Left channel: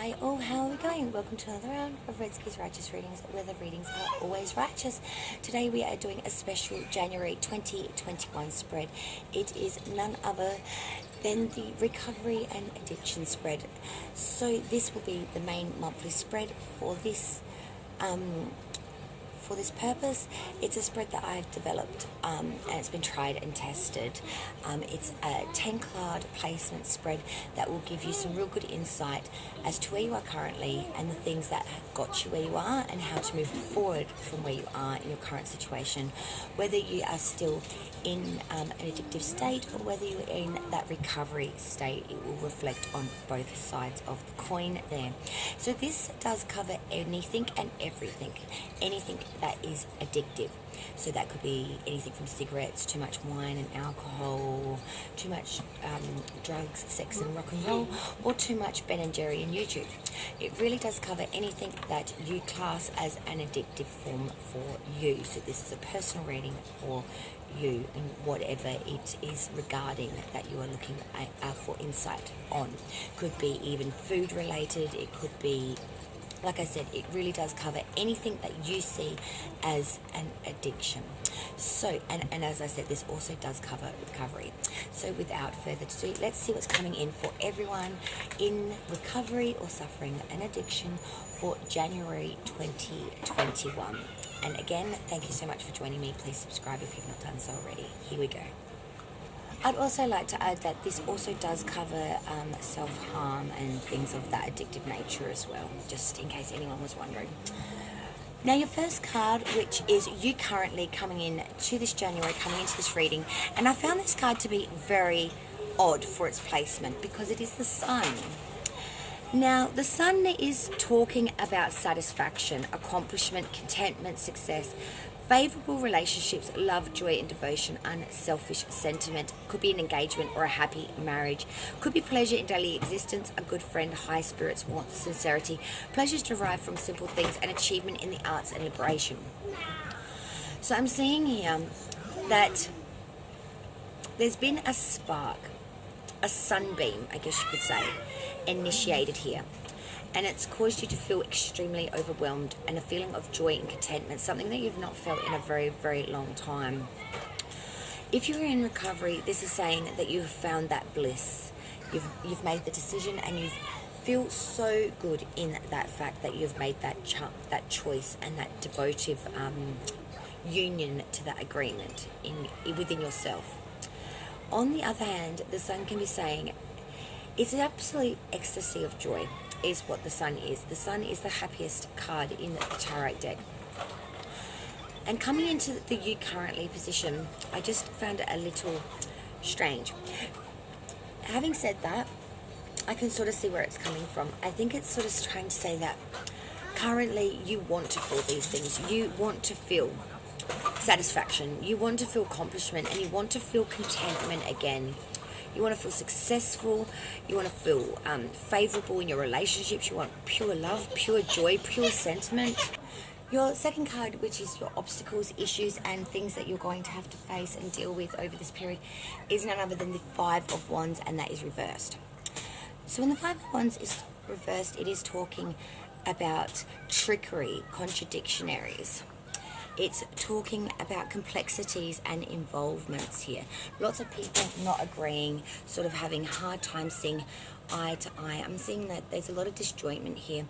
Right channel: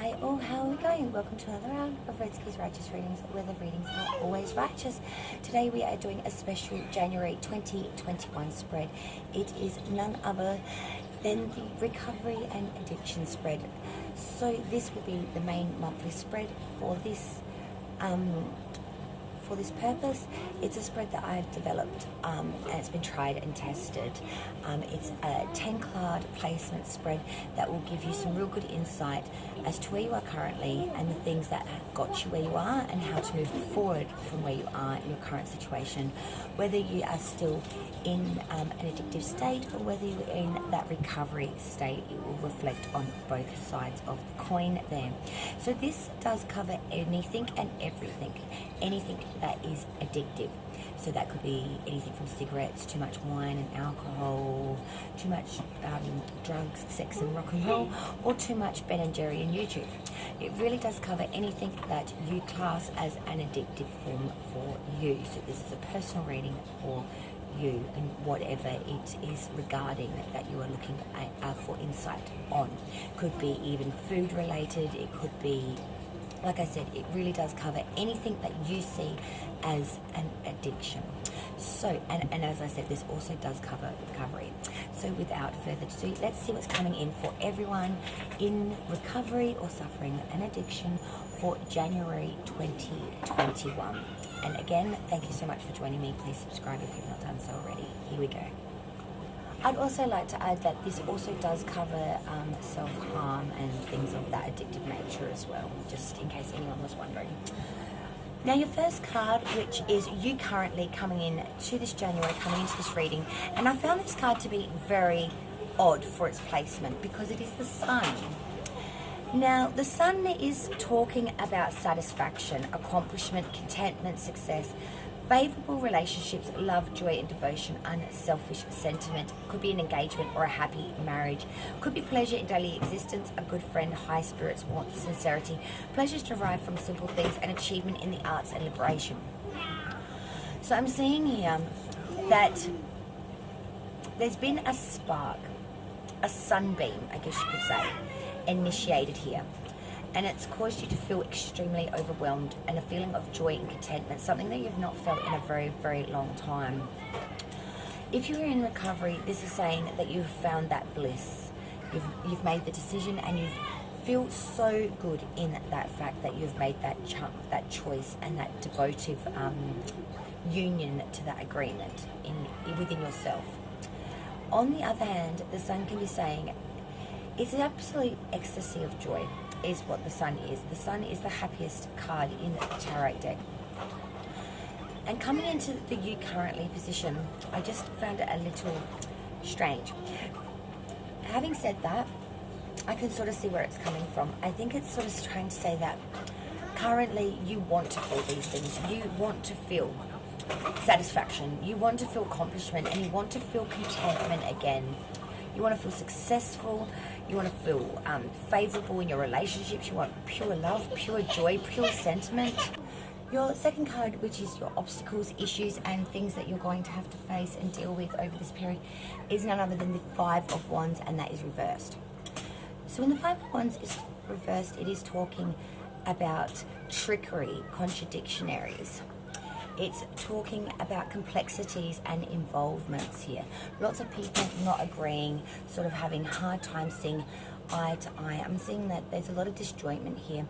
Hi all, how are we going? Welcome to another round of Redski's Righteous Readings, where the readings are always righteous. Today we are doing a special January 2021 spread. It is none other than the recovery and addiction spread. So this will be the main monthly spread for this purpose. It's a spread that I've developed and it's been tried and tested. It's a 10 card placement spread that will give you some real good insight as to where you are currently and the things that have got you where you are and how to move forward from where you are in your current situation, whether you are still in an addictive state or whether you're in that recovery state. It will reflect on both sides of the coin there. So this does cover anything and everything, anything that is addictive. So that could be anything from cigarettes, too much wine and alcohol, too much drugs, sex and rock and roll, or too much Ben and Jerry and YouTube. It really does cover anything that you class as an addictive form for you. So this is a personal reading for you and whatever it is regarding that you are looking at for insight on. Could be even food related, it could be, like I said, it really does cover anything that you see as an addiction. So, and as I said, this also does cover recovery. So without further ado, let's see what's coming in for everyone in recovery or suffering an addiction for January 2021. And again, thank you so much for joining me. Please subscribe if you've not done so already. Here we go. I'd also like to add that this also does cover self-harm and things of that addictive nature as well, just in case anyone was wondering. Now your first card, which is you currently coming in to this January, coming into this reading, and I found this card to be very odd for its placement because it is the Sun. Now, the Sun is talking about satisfaction, accomplishment, contentment, success, favourable relationships, love, joy and devotion, unselfish sentiment. Could be an engagement or a happy marriage. Could be pleasure in daily existence, a good friend, high spirits, warmth, sincerity, pleasures derived from simple things, and achievement in the arts and liberation. So I'm seeing here that there's been a spark, a sunbeam, I guess you could say, initiated here. And it's caused you to feel extremely overwhelmed and a feeling of joy and contentment, something that you've not felt in a very, very long time. If you're in recovery, this is saying that you've found that bliss. You've made the decision and you feel so good in that fact that you've made that choice and that devotive union to that agreement within yourself. On the other hand, the Sun can be saying it's an absolute ecstasy of joy is what the Sun is. The Sun is the happiest card in the tarot deck. And coming into the you currently position, I just found it a little strange. Having said that, I can sort of see where it's coming from. I think it's sort of trying to say that currently you want to feel these things. You want to feel satisfaction. You want to feel accomplishment and you want to feel contentment again. You want to feel successful, you want to feel favourable in your relationships, you want pure love, pure joy, pure sentiment. Your second card, which is your obstacles, issues and things that you're going to have to face and deal with over this period, is none other than the Five of Wands, and that is reversed. So when the Five of Wands is reversed, it is talking about trickery, contradictionaries. It's talking about complexities and involvements here. Lots of people not agreeing, sort of having hard time seeing eye to eye. I'm seeing that there's a lot of disjointment here.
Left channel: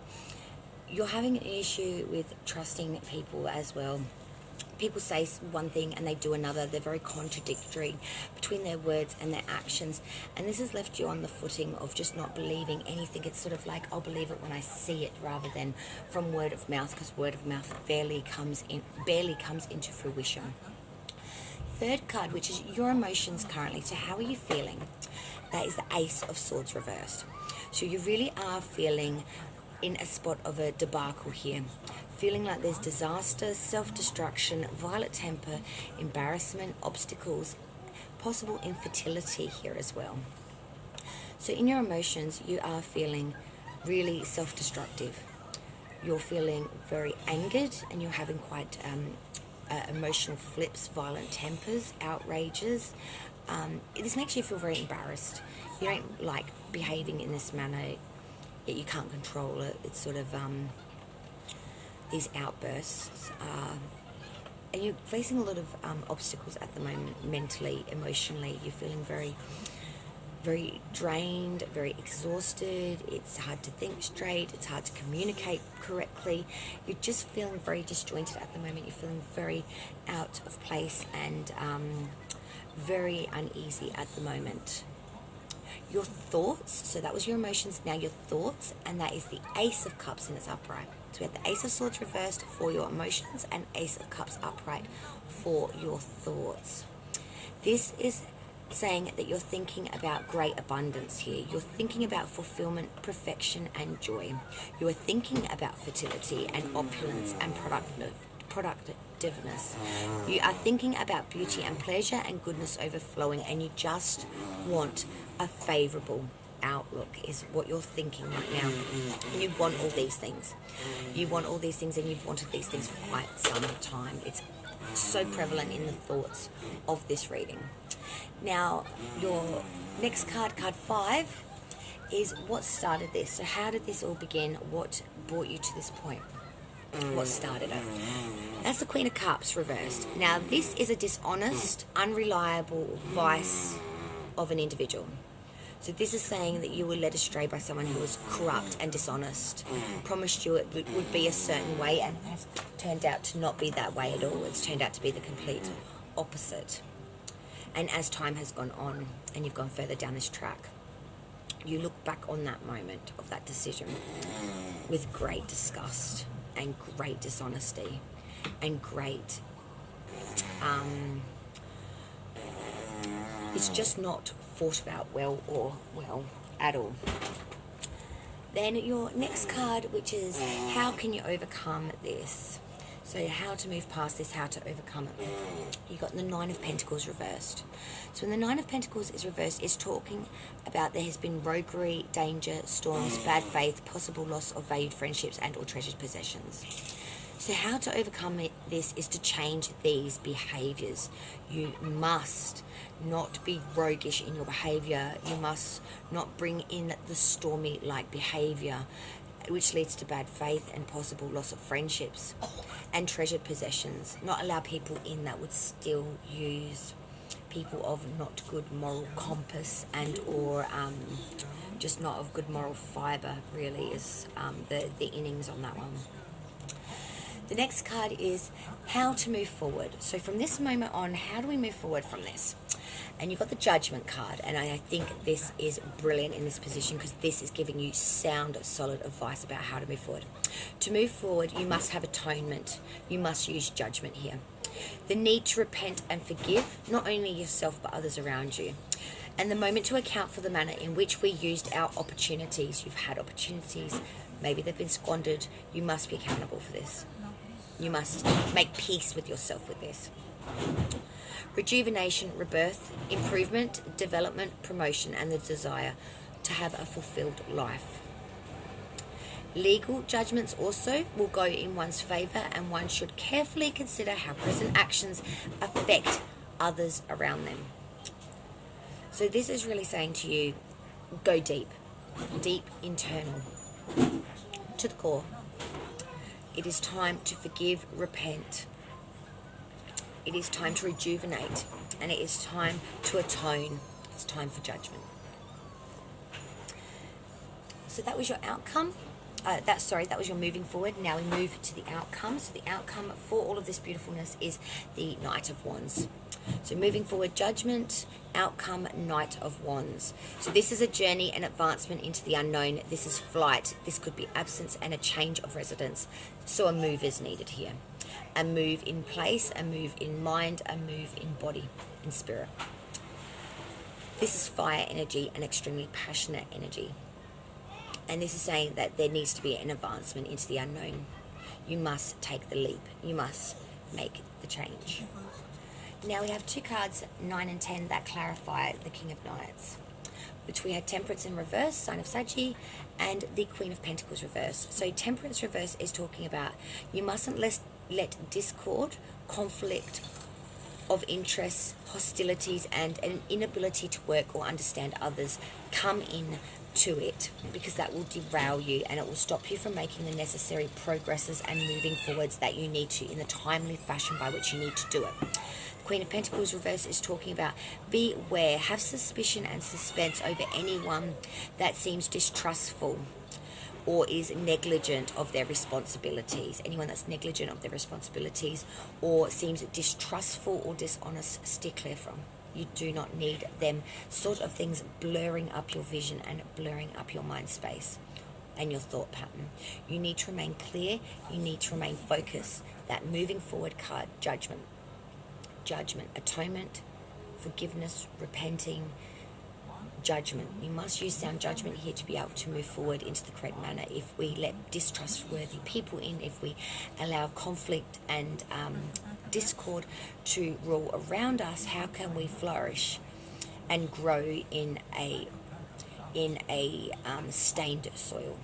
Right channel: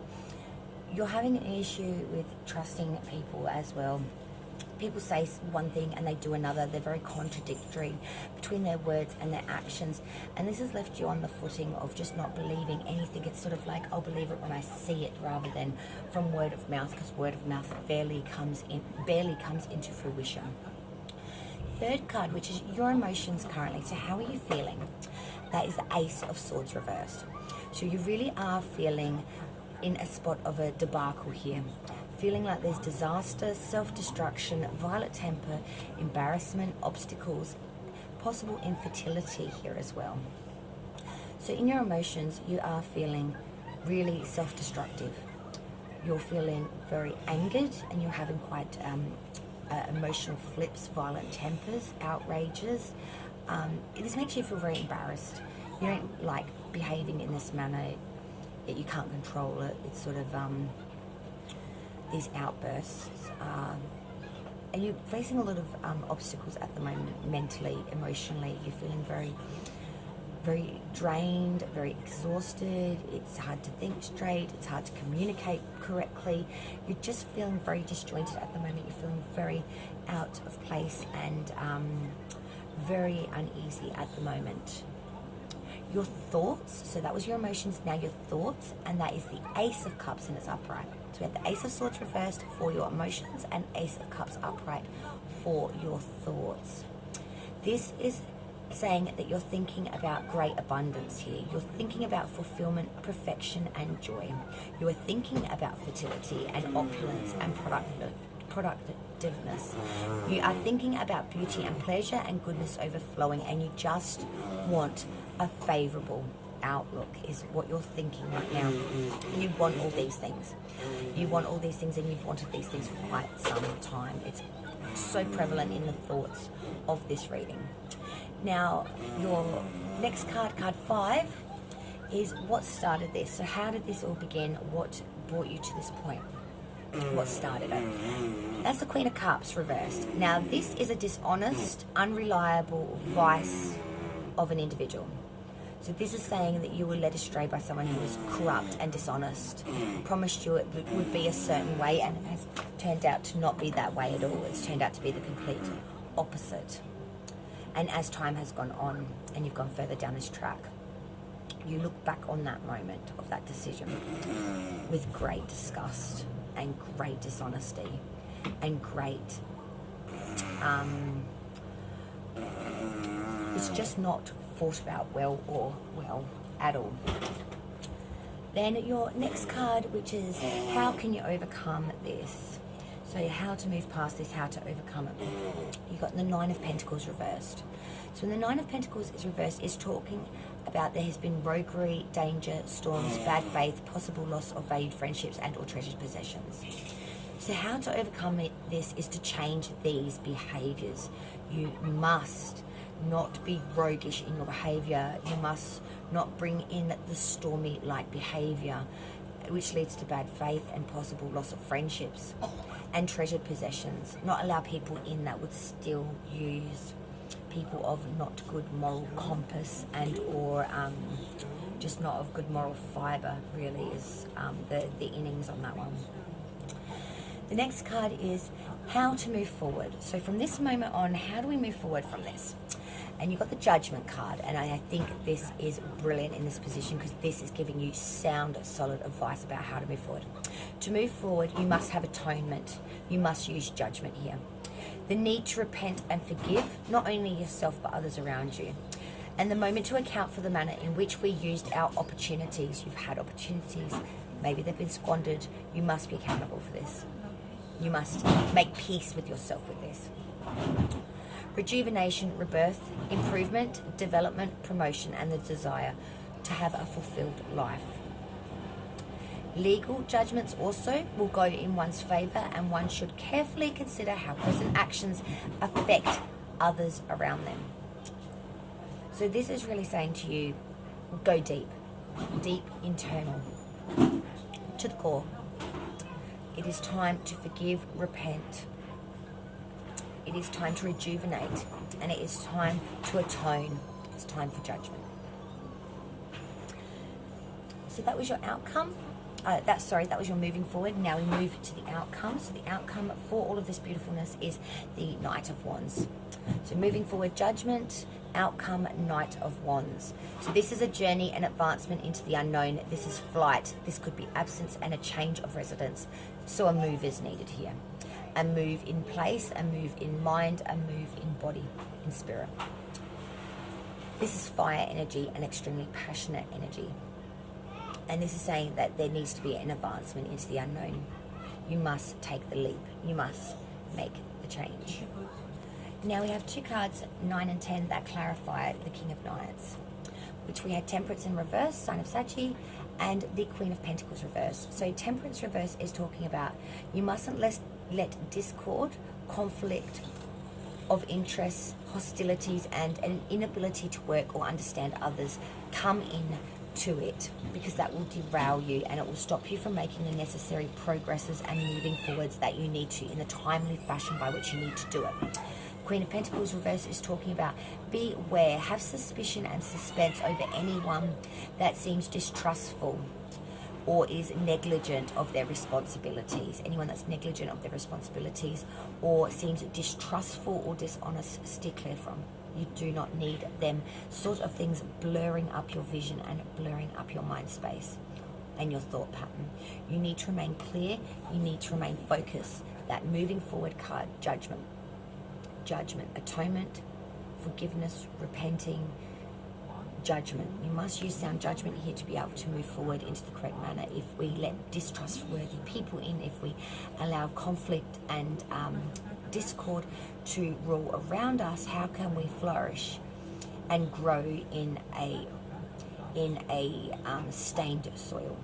You're having an issue with trusting people as well. People say one thing and they do another. They're very contradictory between their words and their actions. And this has left you on the footing of just not believing anything. It's sort of like, I'll believe it when I see it rather than from word of mouth, because word of mouth barely comes into fruition. Third card, which is your emotions currently. So how are you feeling? That is the Ace of Swords reversed. So you really are feeling in a spot of a debacle here. Feeling like there's disaster, self-destruction, violent temper, embarrassment, obstacles, possible infertility here as well. So in your emotions, you are feeling really self-destructive. You're feeling very angered and you're having quite emotional flips, violent tempers, outrages. This makes you feel very embarrassed. You don't like behaving in this manner. yet you can't control it. It's sort of these outbursts. And you're facing a lot of obstacles at the moment, mentally, emotionally. You're feeling very, very drained, very exhausted. It's hard to think straight. It's hard to communicate correctly. You're just feeling very disjointed at the moment. You're feeling very out of place and very uneasy at the moment. Your thoughts, so that was your emotions, now your thoughts, and that is the Ace of Cups and it's upright. So we have the Ace of Swords reversed for your emotions and Ace of Cups upright for your thoughts. This is saying that you're thinking about great abundance here. You're thinking about fulfillment, perfection, and joy. You are thinking about fertility and opulence and productiveness. You are thinking about beauty and pleasure and goodness overflowing, and you just want a favorable outlook is what you're thinking right now. You want all these things. You want all these things, and you've wanted these things for quite some time. It's so prevalent in the thoughts of this reading. Now, your next card, card 5, is what started this. So how did this all begin? What brought you to this point? What started it? That's the Queen of Cups reversed. Now, this is a dishonest, unreliable vice of an individual. So this is saying that you were led astray by someone who was corrupt and dishonest, promised you it would be a certain way, and has turned out to not be that way at all. It's turned out to be the complete opposite. And as time has gone on and you've gone further down this track, you look back on that moment of that decision with great disgust and great dishonesty and great it's just not thought about well at all. Then your next card, which is how can you overcome this? So how to move past this, how to overcome it. You got the Nine of Pentacles reversed. So when the Nine of Pentacles is reversed, it's talking about there has been roguery, danger, storms, bad faith, possible loss of valued friendships and or treasured possessions. So how to overcome this is to change these behaviours. You must not be roguish in your behaviour. You must not bring in the stormy-like behaviour, which leads to bad faith and possible loss of friendships and treasured possessions. Not allow people in that would still use people of not good moral compass and or just not of good moral fibre, really, is the innings on that one. The next card is how to move forward. So from this moment on, how do we move forward from this? And you've got the Judgment card, and I think this is brilliant in this position because this is giving you sound, solid advice about how to move forward. To move forward, you must have atonement. You must use judgment here. The need to repent and forgive, not only yourself but others around you. And the moment to account for the manner in which we used our opportunities. You've had opportunities, maybe they've been squandered. You must be accountable for this. You must make peace with yourself with this. Rejuvenation, rebirth, improvement, development, promotion, and the desire to have a fulfilled life. Legal judgments also will go in one's favour, and one should carefully consider how present actions affect others around them. So this is really saying to you, go deep, deep internal, to the core. It is time to forgive, repent. It is time to rejuvenate, and it is time to atone. It's time for judgment. So that was your outcome. That was your moving forward. Now we move to the outcome. So the outcome for all of this beautifulness is the Knight of Wands. So moving forward, judgment, outcome, Knight of Wands. So this is a journey and advancement into the unknown. This is flight. This could be absence and a change of residence. So a move is needed here. A move in place, a move in mind, a move in body, in spirit. This is fire energy, an extremely passionate energy. And this is saying that there needs to be an advancement into the unknown. You must take the leap. You must make the change. Now we have two cards, 9 and 10, that clarify the King of Knights, which we had Temperance in reverse, sign of Saggy, and the Queen of Pentacles reverse. So Temperance reverse is talking about you mustn't let discord, conflict of interests, hostilities, and an inability to work or understand others come in to it, because that will derail you and it will stop you from making the necessary progresses and moving forwards that you need to in the timely fashion by which you need to do it. Queen of Pentacles reverse is talking about beware, have suspicion and suspense over anyone that seems distrustful or is negligent of their responsibilities. Anyone that's negligent of their responsibilities or seems distrustful or dishonest, steer clear from. You do not need them sort of things blurring up your vision and blurring up your mind space and your thought pattern. You need to remain clear. You need to remain focused. That moving forward card, judgment, atonement, forgiveness, repenting, judgment. You must use sound judgment here to be able to move forward into the correct manner. If we let distrustworthy people in, if we allow conflict and discord to rule around us, how can we flourish and grow in a stained soil?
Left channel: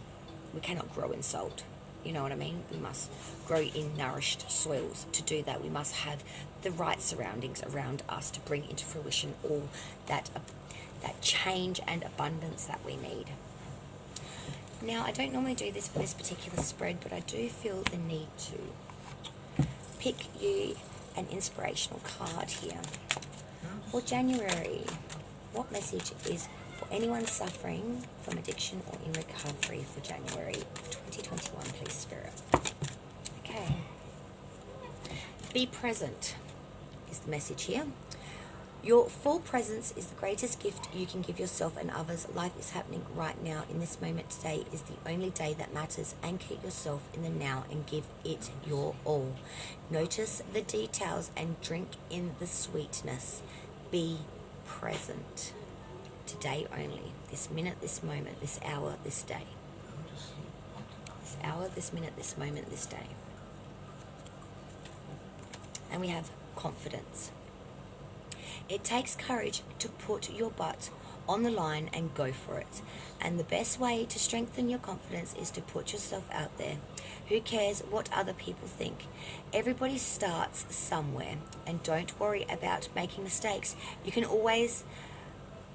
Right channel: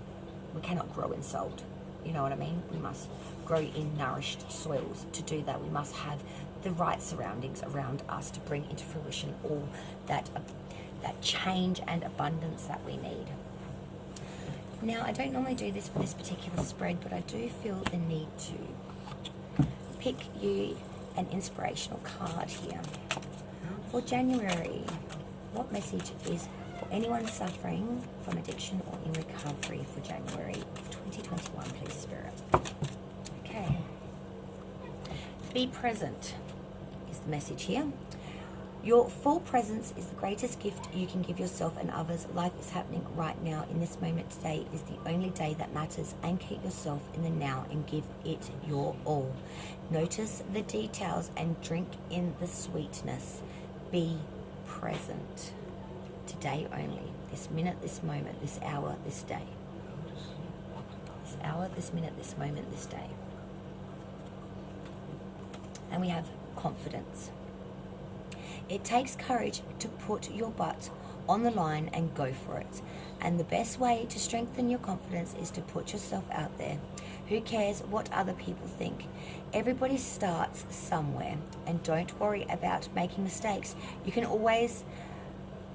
We cannot grow in salt. You know what I mean? We must grow in nourished soils. To do that, we must have the right surroundings around us to bring into fruition all that change and abundance that we need. Now, I don't normally do this for this particular spread, but I do feel the need to pick you an inspirational card here. For January, what message is for anyone suffering from addiction or in recovery for January 2021, please, Spirit? Okay. Be present is the message here. Your full presence is the greatest gift you can give yourself and others. Life is happening right now. In this moment, today is the only day that matters. Anchor yourself in the now and give it your all. Notice the details and drink in the sweetness. Be present. Today only. This minute, this moment, this hour, this day. This hour, this minute, this moment, this day. And we have confidence. It takes courage to put your butt on the line and go for it. And the best way to strengthen your confidence is to put yourself out there. Who cares what other people think? Everybody starts somewhere. And don't worry about making mistakes. You can always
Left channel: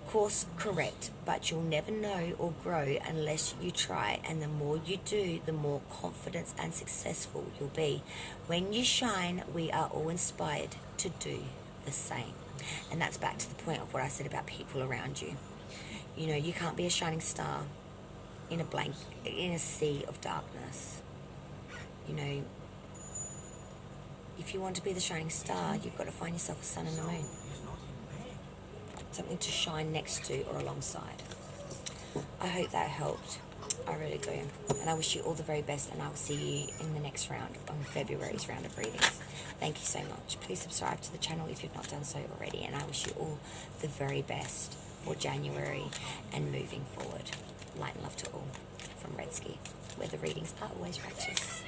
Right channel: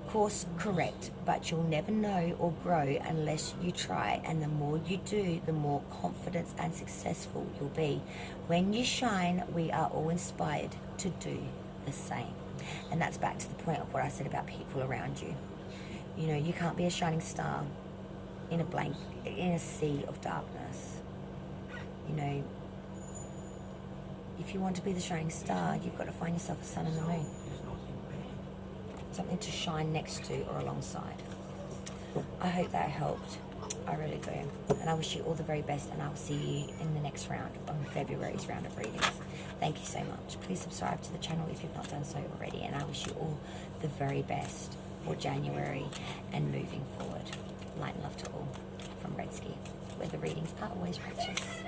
course correct, but you'll never know or grow unless you try. And the more you do, the more confident and successful you'll be. When you shine, we are all inspired to do the same. And that's back to the point of what I said about people around you. You know, you can't be a shining star in a sea of darkness. You know, if you want to be the shining star, you've got to find yourself a sun and the moon. Something to shine next to or alongside. I hope that helped. I really do. And I wish you all the very best, and I will see you in the next round, on February's round of readings. Thank you so much. Please subscribe to the channel if you've not done so already, and I wish you all the very best for January and moving forward. Light and love to all from Red Ski, where the readings are always righteous.